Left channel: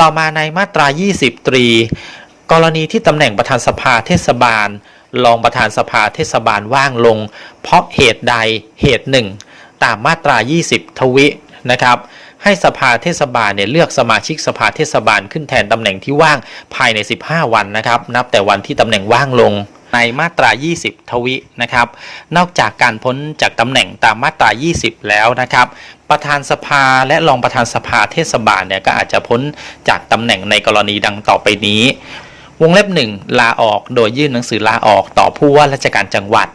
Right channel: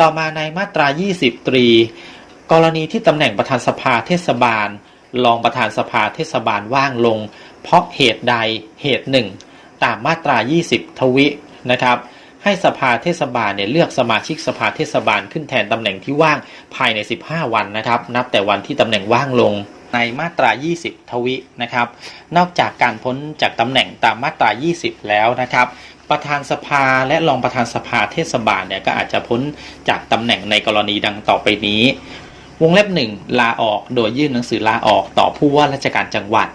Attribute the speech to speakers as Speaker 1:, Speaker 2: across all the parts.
Speaker 1: ต่อมาในมาตรา 20 ตรี กรณีที่ตำแหน่งประธานสภาเทศบาล รองประธานสภาเทศบาลว่างลง เพราะเหตุใดเหตุหนึ่ง ตามมาตรา 20 ทวินะครับ ให้สภาเทศบาลเนี่ยเลือกสมาชิกสภาเทศบาลขึ้นแทนตำแหน่งที่ว่างภายใน 15 วันนะครับ นับแต่วันที่ตำแหน่งว่างลง ในมาตรา 20 ทวินะครับ นอกจากการพ้นจากตำแหน่งตามมาตรา 20 แล้วนะครับ ประธานสภาและรองประธานสภาเทศบาลเนี่ยก็อาจจะพ้นจากตำแหน่งในกรณีดังต่อไปนี้ วงเล็บ 1 ลาออกโดยยื่นหนังสือลาออกต่อผู้ว่าราชการจังหวัด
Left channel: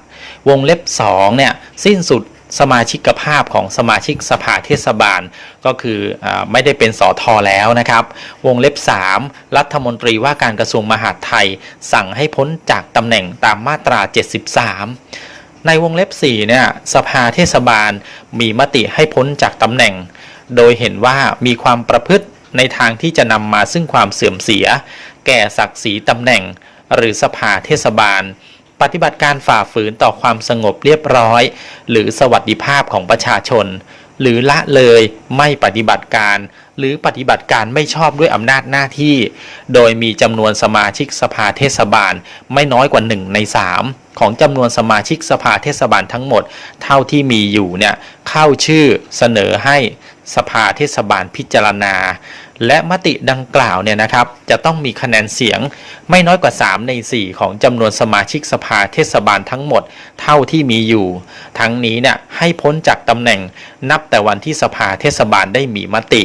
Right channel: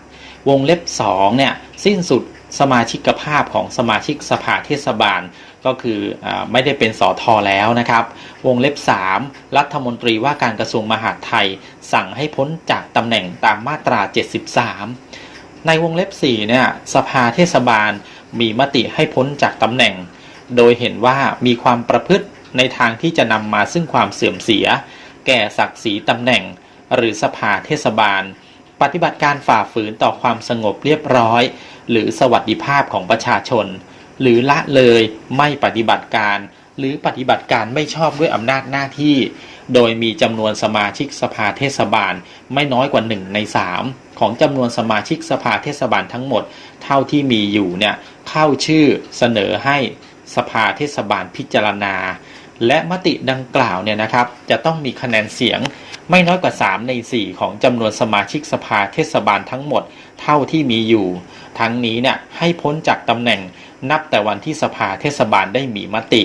Speaker 1: วงเล็บ2เนี่ยสิ้นสุด สมาชิกภาพของสมาชิกสภาเทศบาล ก็คืออไม่ได้เป็นสอทอแล้วนะครับ วงเล็บ 3 รัฐมนตรีว่าการกระทรวงมหาดไทย สั่งให้พ้นจากตำแหน่งตามมาตรา 73 ในวงเล็บ4เนี่ยสภาเทศบาลมีมติให้พ้นจากตำแหน่ง โดยเห็นว่ามีความประพฤติในทางที่จะนำมาซึ่งความเสื่อมเสีย แก่ศักดิ์ศรีตำแหน่ง หรือสภาเทศบาล ปฏิบัติการฝ่าฝืนต่อความสงบเรียบร้อย หรือสวัสดิภาพของประชาชน หรือละเลยไม่ปฏิบัติการ หรือปฏิบัติการไม่ชอบด้วยอำนาจหน้าที่ โดยมีจำนวนสมาชิกสภาเทศบาลไม่น้อยกว่า 1 ใน 3 ของจำนวนสมาชิกสภาเทศบาลทั้งหมด เท่าที่มีอยู่เนี่ยเข้าชื่อเสนอให้สภาเทศบาลพิจารณา และมติดังกล่าวเนี่ยนะครับ จะต้องมีคะแนนเสียงไม่น้อยกว่า 3 ใน 4 ของจำนวนสมาชิกสภาเทศบาลทั้งหมดเท่าที่มีอยู่ ทั้งนี้เนี่ยให้พ้นจากตำแหน่งนับแต่วันที่สภาเทศบาลได้มีมติ